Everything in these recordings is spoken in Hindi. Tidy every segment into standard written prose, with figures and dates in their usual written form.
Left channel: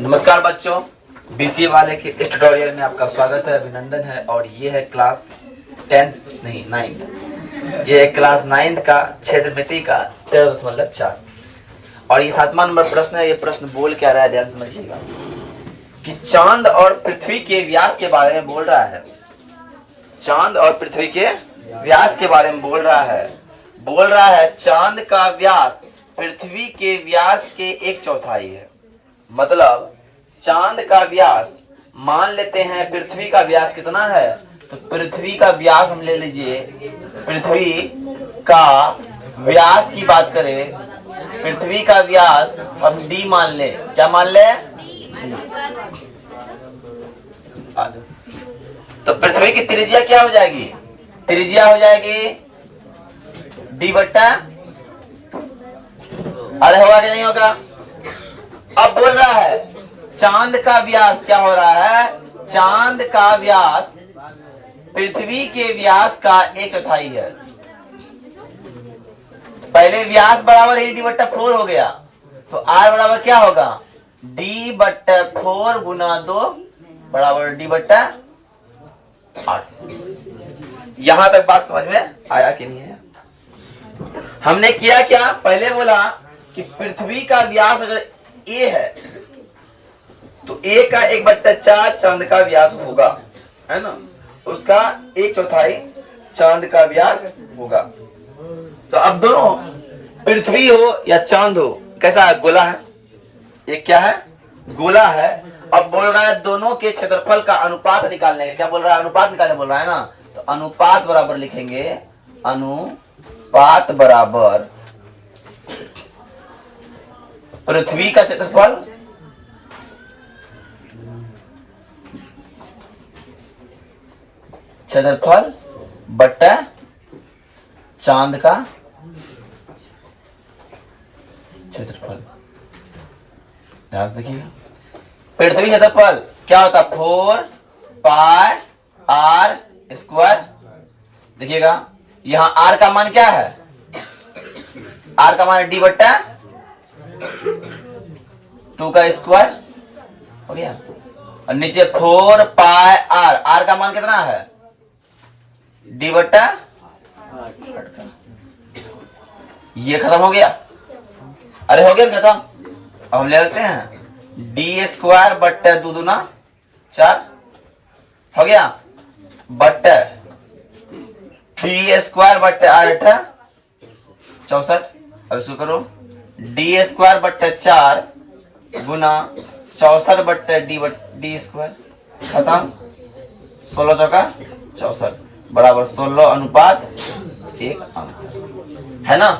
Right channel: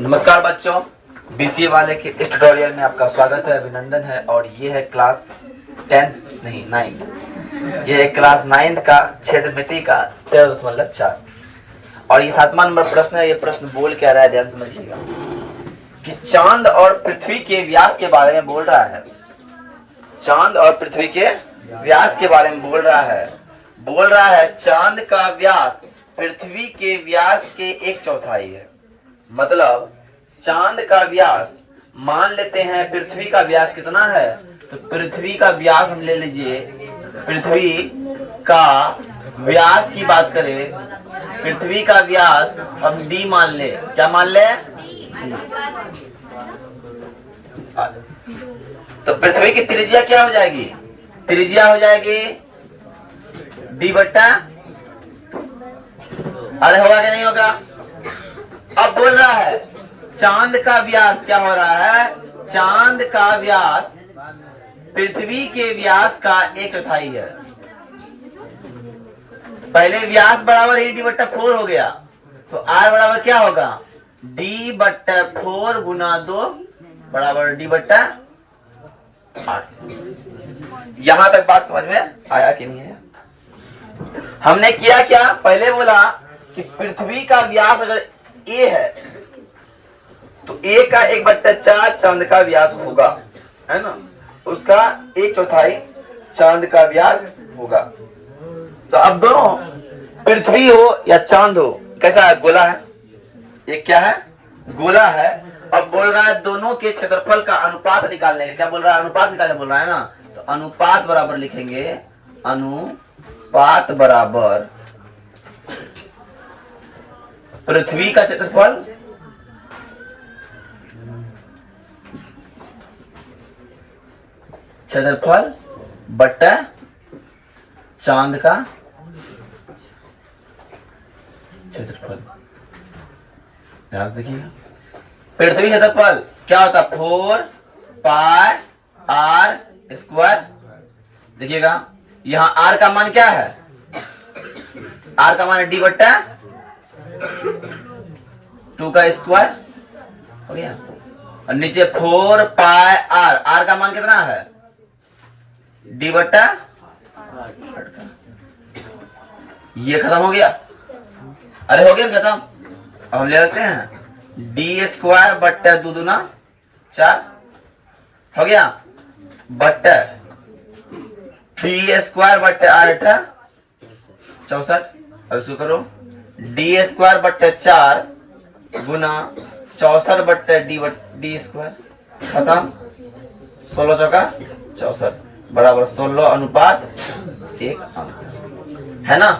नमस्कार बच्चों, बीसीए वाले के इस ट्यूटोरियल में आपका स्वागत है, अभिनंदन है। और ये है क्लास 10 नहीं 9, ये है क्लास 9 का क्षेत्रमिति का 13.4 और ये 7वां नंबर प्रश्न है। ये प्रश्न बोल क्या रहा है, ध्यान समझिएगा कि चांद और पृथ्वी के व्यास के बारे में बोल रहा है। चांद और पृथ्वी के व्यास के बारे में बोल रहा है। चांद का व्यास पृथ्वी के व्यास के 1/4 है। मतलब चांद का व्यास, मान लेते हैं पृथ्वी का व्यास कितना है, तो पृथ्वी का व्यास हम ले लीजिए। पृथ्वी का व्यास की बात करें, पृथ्वी का व्यास हम d मान ले। क्या मान ले? तो पृथ्वी की त्रिज्या क्या हो जाएगी? त्रिज्या हो जाएगी d/, अरे होगा कि नहीं होगा? अब बोल रहा है चांद का व्यास क्या हो रहा है? चांद का व्यास पृथ्वी के व्यास का 1/4 है। पहले व्यास बराबर ही d/4 हो गया, तो r बराबर क्या होगा? d/4 गुना 2 बराबर d/8। यहां तक बात समझ में आया कि नहीं है? हमने किया क्या? पहले बोला कि पृथ्वी का व्यास अगर a है तो a का 1/4 चांद का व्यास होगा, है ना? उसका 1/4 चांद का व्यास होगा। तो अब दोनों पृथ्वी हो या चांद हो, कैसा है? गोला है। एक क्या है? गोला है। अब बोल रहा है दोनों के क्षेत्रफल का अनुपात निकालने। क्या बोल रहा है? अनुपात निकालने बोल रहा है ना। तो अनुपात बराबर लिखेंगे, अनुपात बराबर पृथ्वी का क्षेत्रफल बट्टा चांद का क्षेत्रफल। ध्यान से देखिएगा, पृथ्वी क्षेत्रफल क्या होता है? 4πr²। देखिएगा यहां r का मान क्या है? r का मान है d/2 का स्क्वायर हो गया। और नीचे 4πr, r का मान कितना है? d/8। ये खत्म हो गया। अरे हो गया खत्म। अब हम ले लेते हैं d² 2 दूना 4 हो गया, बट्टे 3² 8 64। अब इसको करो d² 4 गुना 64 d² खत्म। 16 चौका 64 बराबर 16:1 आंसर है ना।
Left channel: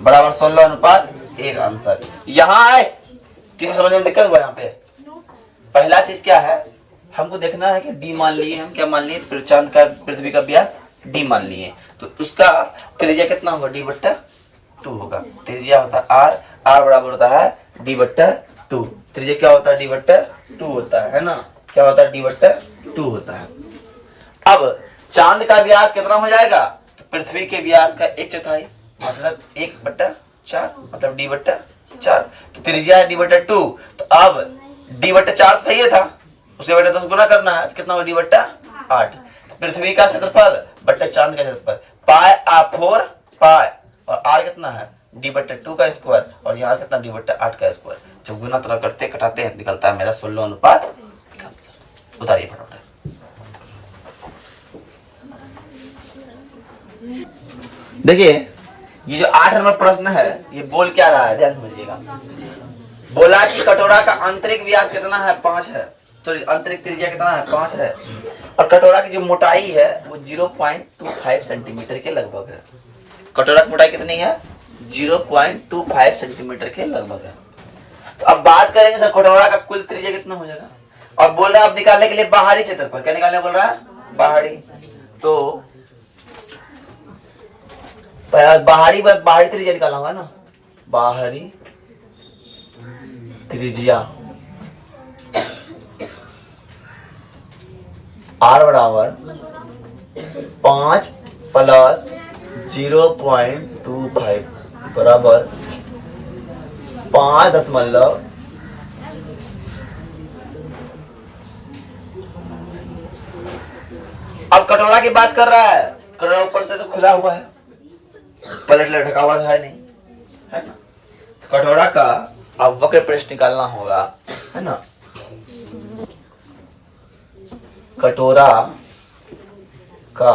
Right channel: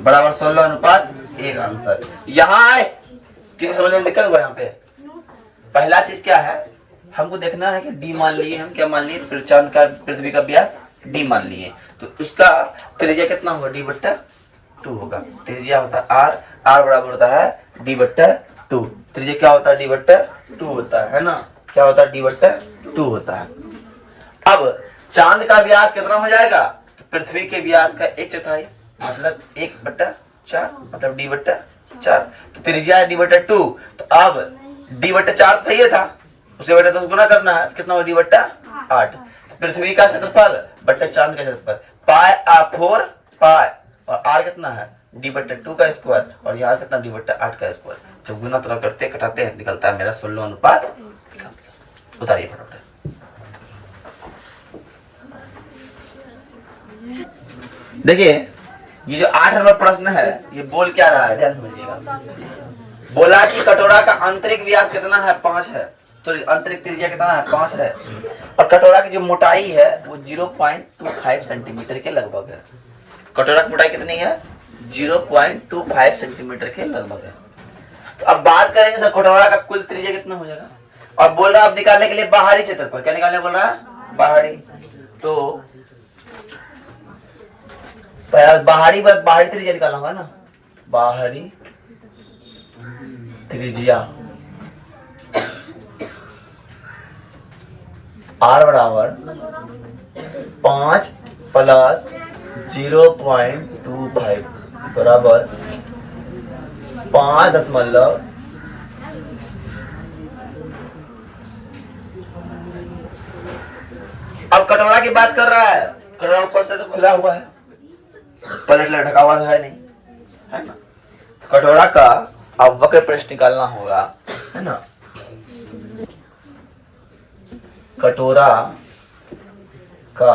बराबर 16:1 आंसर। यहाँ आए किसी समझ में दिक्कत हुआ? यहाँ पे पहला चीज क्या है, हमको देखना है कि d मान लिए हम। क्या मान लिए? फिर चांद का पृथ्वी का व्यास d मान लिए, तो उसका त्रिज्या कितना होगा? d/2 होगा। त्रिज्या होता है r बराबर होता है d/2। त्रिज्या क्या होता है? d/2 होता है ना। क्या होता है? d/2 होता है। अब चांद का व्यास कितना हो जाएगा? तो पृथ्वी के व्यास का 1/4 मतलब 1/4 मतलब d/4। तो त्रिज्या है d/2। तो अब d/4 तो सही था, उसे बटे 2 गुना करना है। कितना होगा? d/8। पृथ्वी का क्षेत्रफल बट्टे चांद का क्षेत्रफल, πr4 और r कितना है? d/2 का स्क्वायर और यहाँ कितना? d/8 का स्क्वायर। जब गुना तरह करते कटाते हैं निकलता है मेरा 16:1। उतारिए फटाफट। देखिए ये जो 8 नंबर प्रश्न है ये बोल क्या रहा है, ध्यान समझिएगा। बोला कि कटोरा का आंतरिक व्यास कितना है? 5 है। तो आंतरिक त्रिज्या कितना है? 5 है। और कटोरा की जो मोटाई है वो 0.25 सेंटीमीटर के लगभग है। कटोरा की मोटाई कितनी है? 0.25 सेंटीमीटर के लगभग है। तो अब बात करेंगे सर कटोरा का कुल त्रिज्या कितना हो जाएगा। और बोल रहा है अब निकालने के लिए बाहरी क्षेत्रफल। क्या निकालने बोल रहा है? बाहरी। तो बाहरी त्रिज्या निकालना होगा ना। बाहरी त्रिज्या r बराबर 5 + 0.25 बराबर 5.25 अब कटोरा की बात कर रहा है, कटोरा ऊपर से तो खुला हुआ है, पलट ढका हुआ है नहीं, है ना। तो कटोरा का अब वक्र पृष्ठ निकालना होगा, है ना। कटोरा का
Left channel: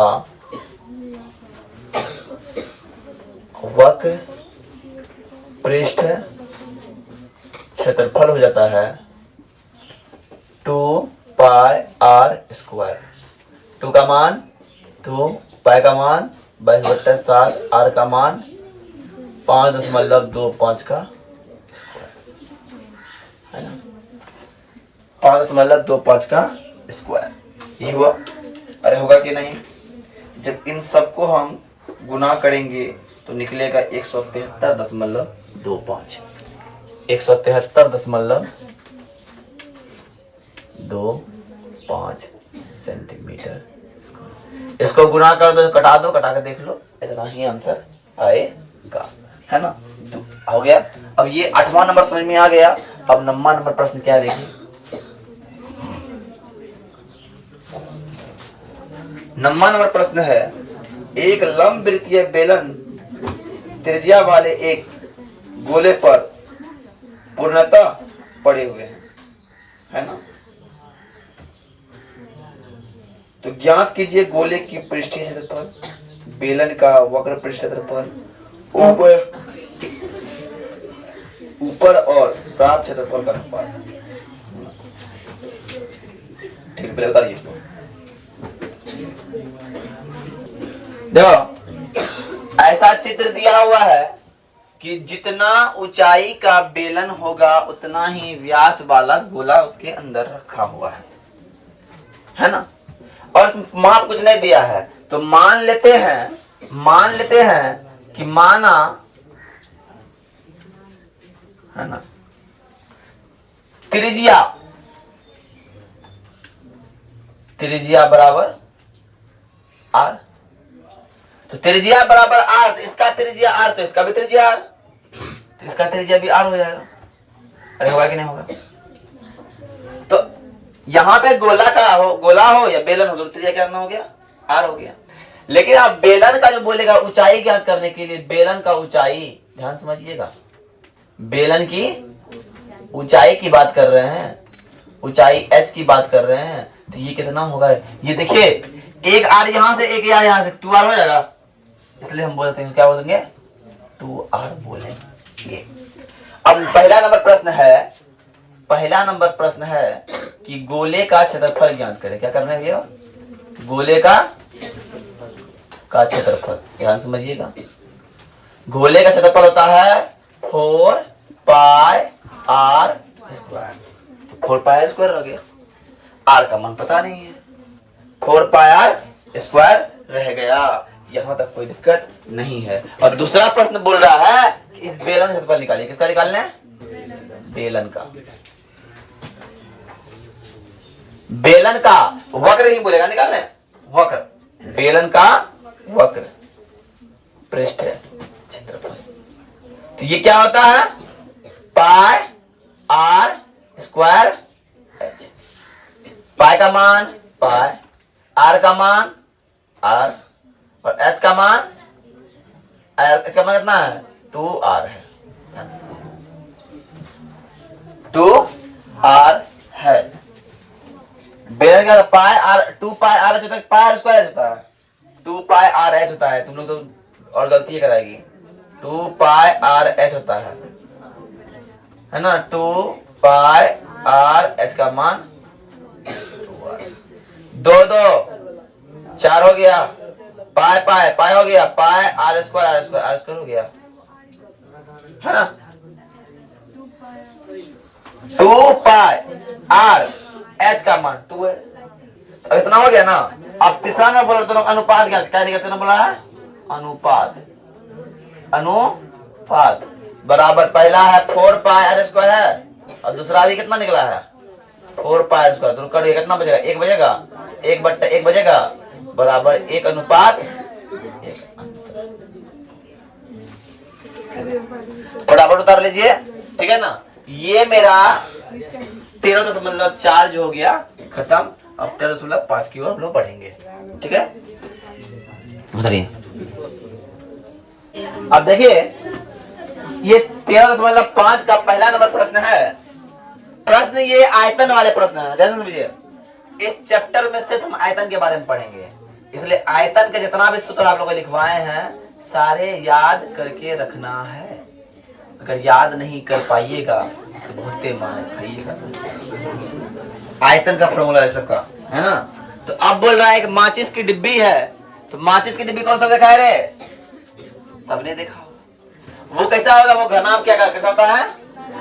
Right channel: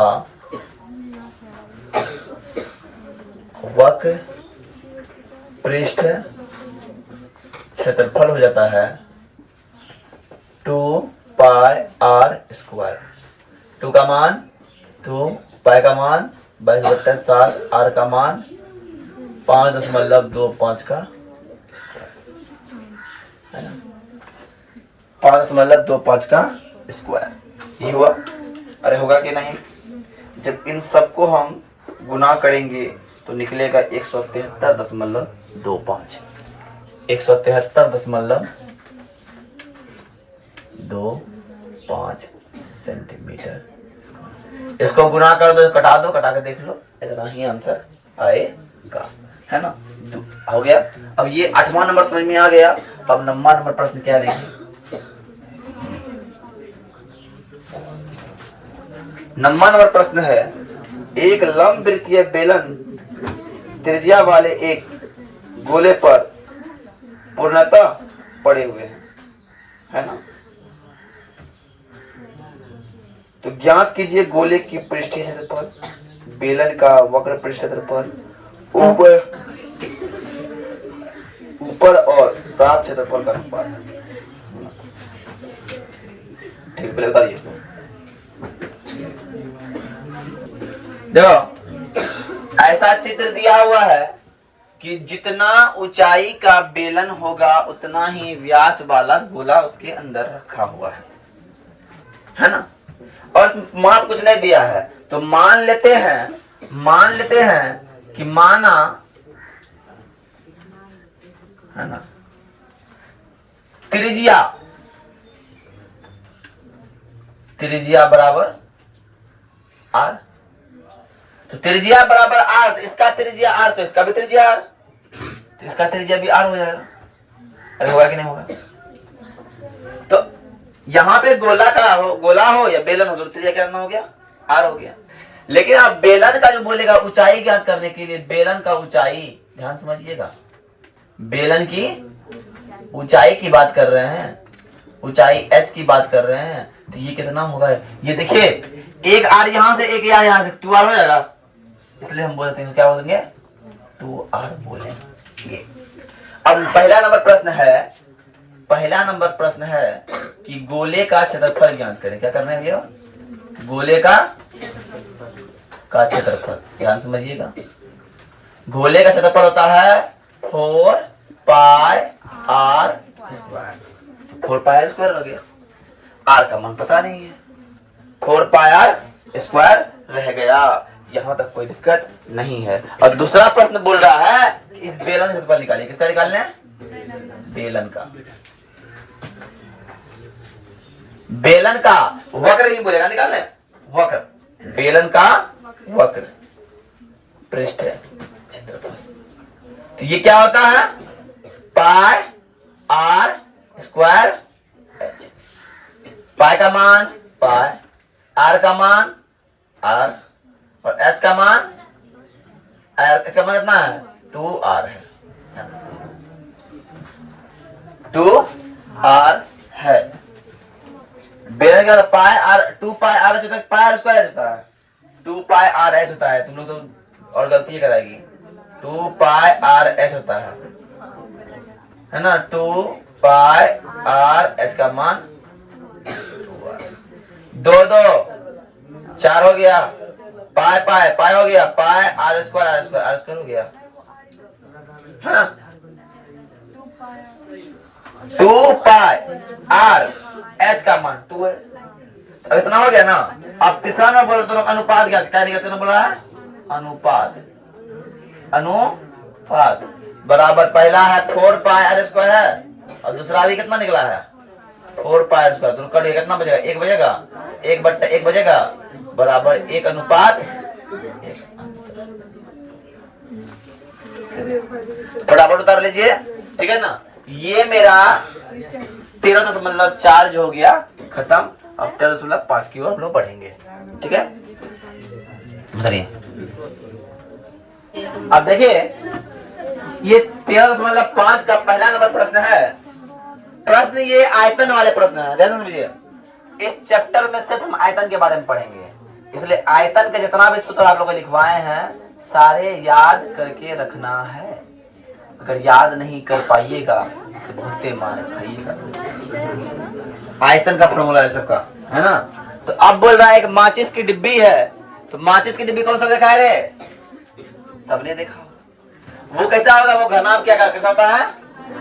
वक्र पृष्ठ क्षेत्रफल हो जाता है 2 पाई आर स्क्वायर। 2 का मान 2, पाई का मान 22/7, आर का मान 5.25 का स्क्वायर, है ना, 5.25 का स्क्वायर। ये हुआ। अरे होगा कि नहीं, जब इन सबको हम गुना करेंगे तो निकलेगा 173.25, 173.25 सेंटीमीटर। इसको गुना कर दो, कटा दो, कटा के देख लो, इतना ही आंसर आएगा, है ना। हो गया। अब ये 8वां नंबर समझ में आ गया। अब 9वां नंबर प्रश्न क्या है देखिए। 9वां नंबर प्रश्न है, एक लंब वृत्तीय बेलन त्रिज्या वाले एक गोले पर पूर्णतः पड़े हुए हैं, है ना। तो ज्ञात कीजिए गोले की पृष्ठीय क्षेत्रफल, बेलन का वक्र पृष्ठ क्षेत्रफल, ऊपर और प्राप्त क्षेत्रफल का अनुपात। ठीक, पहले बताइए। देखो, ऐसा चित्र दिया हुआ है कि जितना ऊंचाई का बेलन होगा उतना ही व्यास वाला गोला उसके अंदर रखा हुआ है ना। और माप कुछ नहीं दिया है, तो मान लेते हैं कि माना, है ना, त्रिज्या बराबर आर। तो त्रिज्या बराबर आर, तो इसका त्रिज्या आर, तो इसका भी त्रिज्या आर, तो इसका त्रिज्या भी आर हो जाएगा। अरे होगा कि नहीं होगा। तो यहां पे गोला हो या बेलन हो, तो त्रिज्या क्या हो गया, आर हो गया। लेकिन आप बेलन का जो बोलेगा ऊंचाई ज्ञात करने के लिए, बेलन का ऊंचाई, ध्यान समझिएगा, बेलन की ऊंचाई की बात कर रहे हैं, ऊंचाई h की बात कर रहे हैं। तो ये कितना होगा, ये देखिए, एक आर यहां से, एक यहां से, 2r हो जाएगा। इसलिए हम बोलते हैं, क्या बोलेंगे, 2r बोलेंगे। अब पहला नंबर प्रश्न है कि गोले का क्षेत्रफल ज्ञात करें। क्या करना है भैया, गोले का क्षेत्रफल, ध्यान समझिएगा। गोले का क्षेत्रफल होता है 4 pi r square. 4 pi r square हो गया, आर का मान पता नहीं है, 4 पाई आर स्क्वायर रह गया। यहां तक कोई दिक्कत नहीं है। और दूसरा प्रश्न बोल रहा है कि इस बेलन का क्षेत्रफल निकालिए। किसका निकालना है, बेलन का। बेलन का वक्र नहीं बोलेगा, निकालना है वक्र, बेलन का वक्र पृष्ठ क्षेत्रफल। तो ये क्या होता है, पाई आर स्क्वायर एच। पाई का मान पाई, आर का मान आर, और एच का मान, इसका मान कितना है, 2r है, 2r है। बेलन का पाई आर, 2 पाई आर एच होता है, पाई आर स्क्वायर होता है, 2 पाई आर एच होता है। तुम लोग तो और गलती कराएगी, 2 पाई आर एच होता है ना। 2 पाई आर एच का मान 2 4 हो गया, पाई हो गया, पाई आर स्क्वायर हो गया, है ना। 2 पाई आर एच का मान 2 है। अब इतना हो गया ना। अब तीसरा में बोल रहे अनुपात, क्या निकलते बोला है, अनुपात बराबर, पहला है 4 पाई आर स्क्वायर है, और दूसरा भी कितना निकला है, 4 पाई आर स्क्वायर। तो कर कितना बचेगा, 1 बचेगा, 1/1 बचेगा, बराबर 1 अनुपात 1। फटाफट उतार लीजिए, ठीक है ना। ये मेरा 13.4 जो हो गया खत्म। अब 13.5 की ओर हम लोग बढ़ेंगे, ठीक है। उधरिए अब देखिए, ये 13.5 का पहला नंबर प्रश्न है। प्रश्न ये आयतन वाले प्रश्न है, ध्यान समझिए। इस चैप्टर में सिर्फ हम आयतन के बारे में पढ़ेंगे, इसलिए आयतन के जितना भी सूत्र आप लोग लिखवाए हैं सारे याद करके रखना है। अगर याद नहीं कर पाइएगा तो बहुत मार खाइएगा। आयतन का फॉर्मूला है सबका, है ना। तो अब बोल रहा है कि माचिस की डिब्बी है, तो माचिस की डिब्बी कौन सा देखा है रे? सबने देखा। वो कैसा होगा? वो घनाभ क्या कैसा होता है?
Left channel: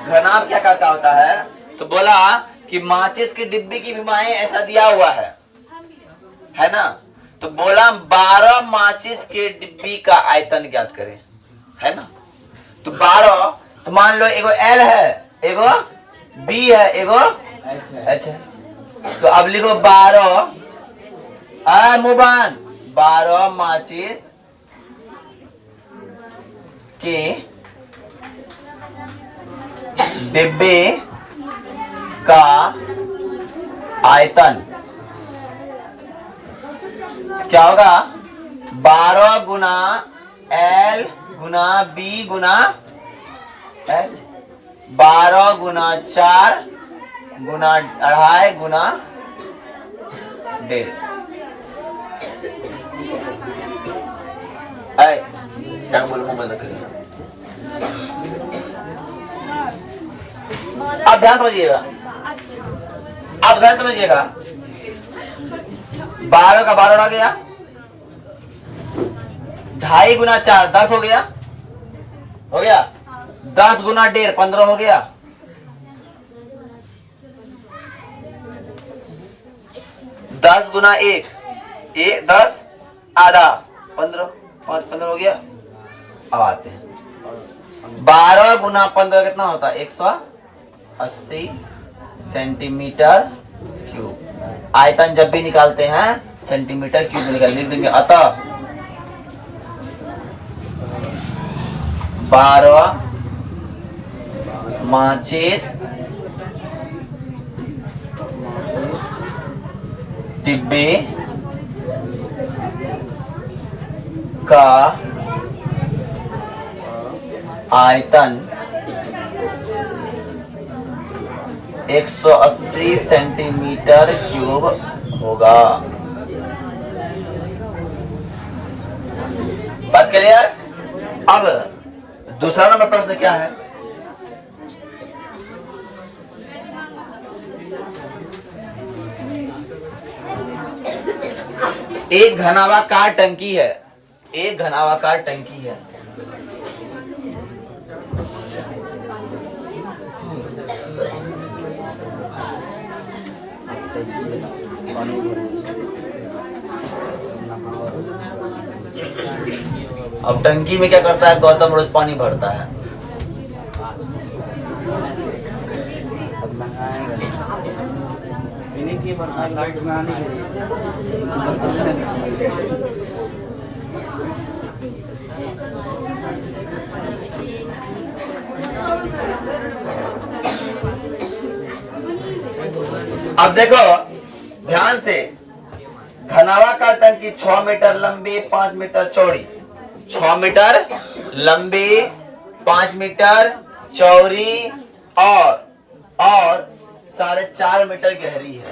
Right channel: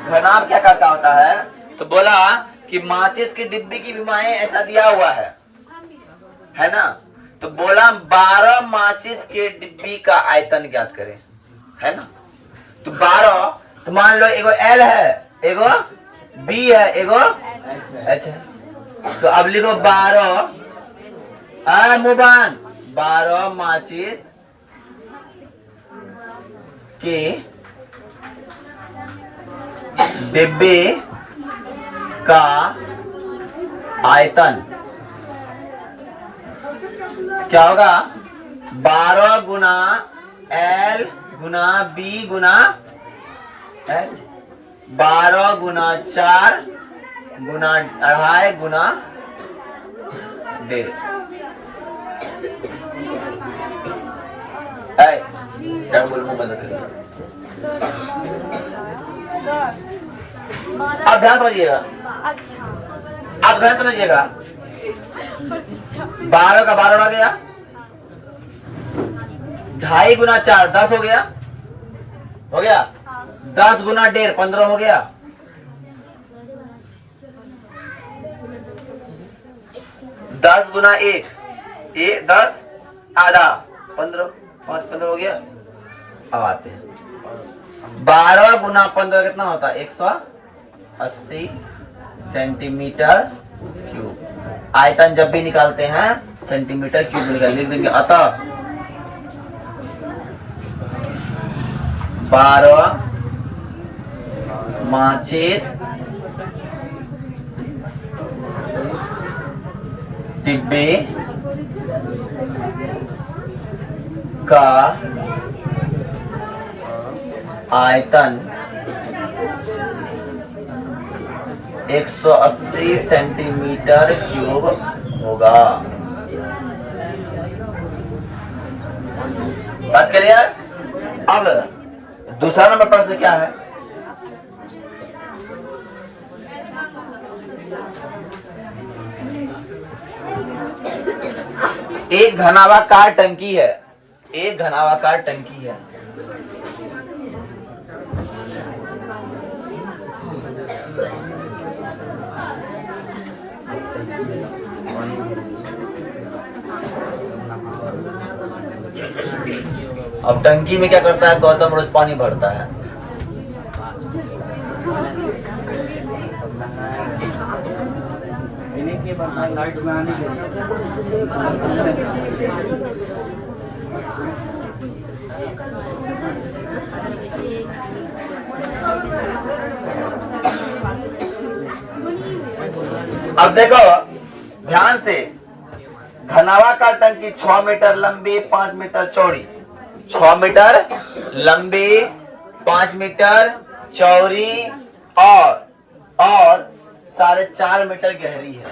घनाभ क्या करता होता है? तो बोला कि माचिस की डिब्बी की विमाएं ऐसा दिया हुआ है ना। तो बोला 12 माचिस के डिब्बी का आयतन ज्ञात करें, है ना। तो 12, तो मान लो एगो एल है, एगो बी है, एगो एच है। तो अब लिखो 12 मुबान 12 माचिस के डिब्बे का आयतन क्या होगा? 12 गुना एल गुना बी गुना एच, 12 गुना 4 गुना 2.5 गुना 1.5। क्या बोलूं मैं? अब ध्यान समझिएगा, अब ध्यान समझिएगा। 12 का 12 उड़ा गया, 2.5 गुना 4 10 हो गया, 10 गुना 1.5 15 हो गया, 10 गुना 1 10 आधा 15 5 15 हो गया। अब आते हैं 12 गुना 15 कितना होता है? 180 सेंटीमीटर क्यूब। आयतन जब भी निकालते हैं सेंटीमीटर क्यूब निकाल लिख देंगे। अतः 12 माचिस डिब्बे का आयतन 180 सेंटीमीटर क्यूब होगा। बात क्लियर? अब दूसरा नंबर प्रश्न क्या है? एक घनाभाकार टंकी है, एक घनाभाकार टंकी है। अब टंकी में क्या करता है गौतम? रोज पानी भरता है। अब देखो ध्यान से, घनाभाकार टंकी 6 मीटर लंबी 5 मीटर चौड़ी, 6 मीटर लंबी 5 मीटर चौड़ी और 4.5 मीटर गहरी है।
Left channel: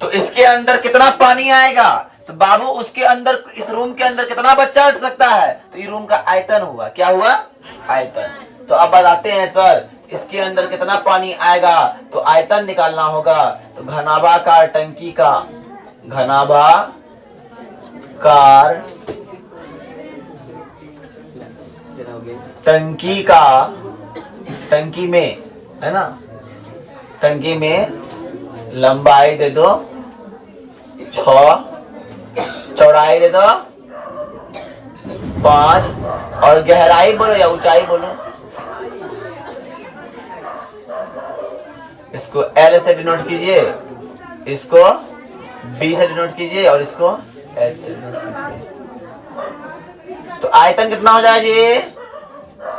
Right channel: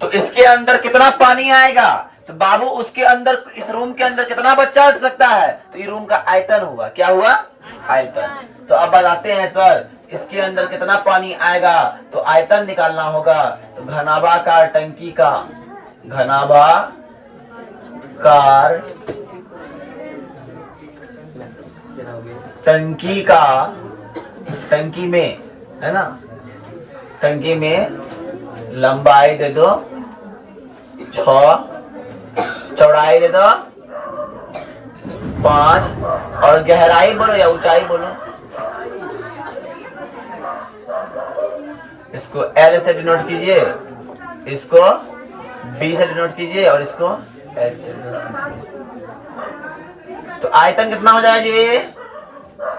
तो इसके अंदर कितना पानी आएगा? तो बाबू उसके अंदर, इस रूम के अंदर कितना बच्चा अट सकता है? तो ये रूम का आयतन हुआ। क्या हुआ? आयतन। तो अब बताते हैं सर इसके अंदर कितना पानी आएगा, तो आयतन निकालना होगा। तो घनाभाकार टंकी का, घनाभाकार टंकी का, टंकी में है ना, टंकी में लंबाई दे दो 6, चौड़ाई दे दो 5 और गहराई बोलो या ऊंचाई बोलो। इसको L से डिनोट कीजिए, इसको B से डिनोट कीजिए और इसको H से डिनोट कीजिए। तो आयतन कितना हो जाएगा जी?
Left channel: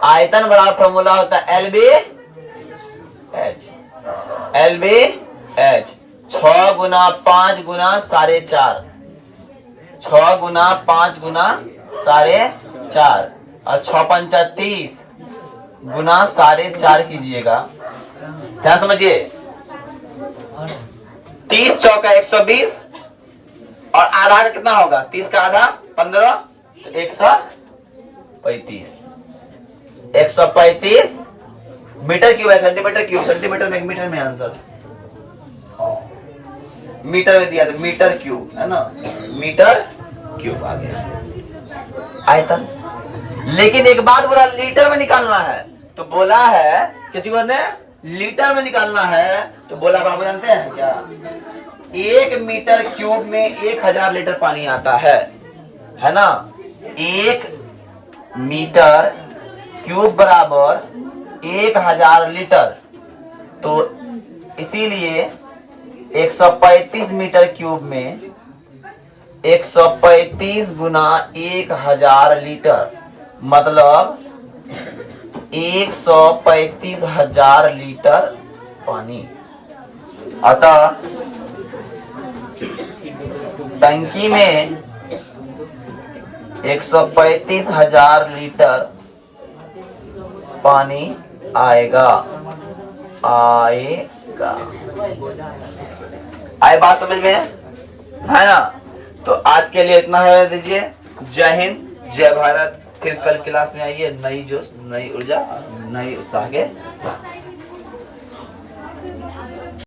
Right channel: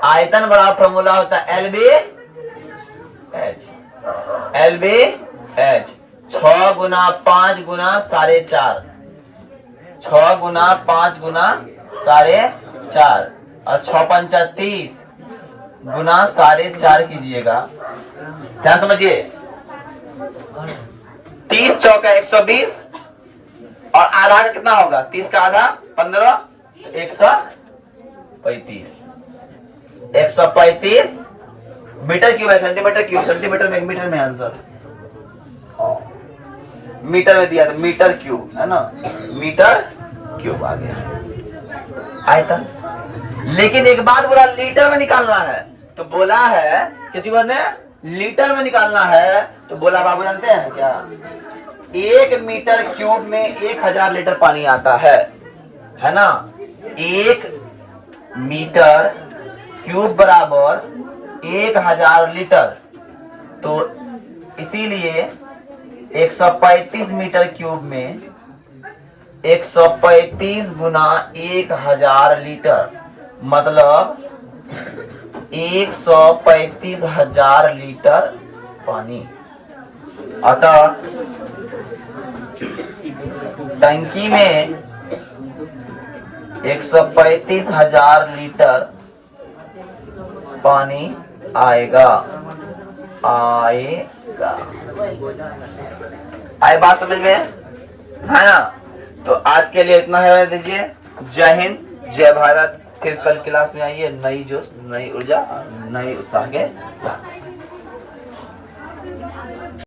आयतन बड़ा फॉर्मूला होता है LB H। LBH 6 गुना 5 गुना 4.5, 6 गुना 5 गुना 4.5 और 6 पंचा 30 गुना 4.5 कीजिएगा। ध्यान समझिए, 30 चौका 120 और आधा का कितना होगा? 30 का आधा 15, 135, 135 मीटर क्यूब है, सेंटीमीटर क्यूब, सेंटीमीटर में, मीटर में आंसर, मीटर में दिया था, मीटर क्यूब है ना, मीटर क्यूब आ गया आयतन। लेकिन एक बात बोला लीटर में निकालना है, तो बोला है कि जीवन ने लीटर में निकालना है, तो बोला बाबू जानते हैं क्या, 1 मीटर क्यूब में 1000 लीटर पानी आता है ना। 1 मीटर क्यूब बराबर 1000 लीटर, तो इसीलिए 135 मीटर क्यूब में 135 गुना 1000 लीटर, मतलब 135,000 लीटर पानी। अतः टंकी में 135,000 लीटर पानी आएगा। आए बात समझ में है ना। तो आज के लिए इतना है, दीजिए। जय हिंद, जय भारत। फिर कल क्लास में आइए नई जोश, नई ऊर्जा, नई उत्साह के साथ।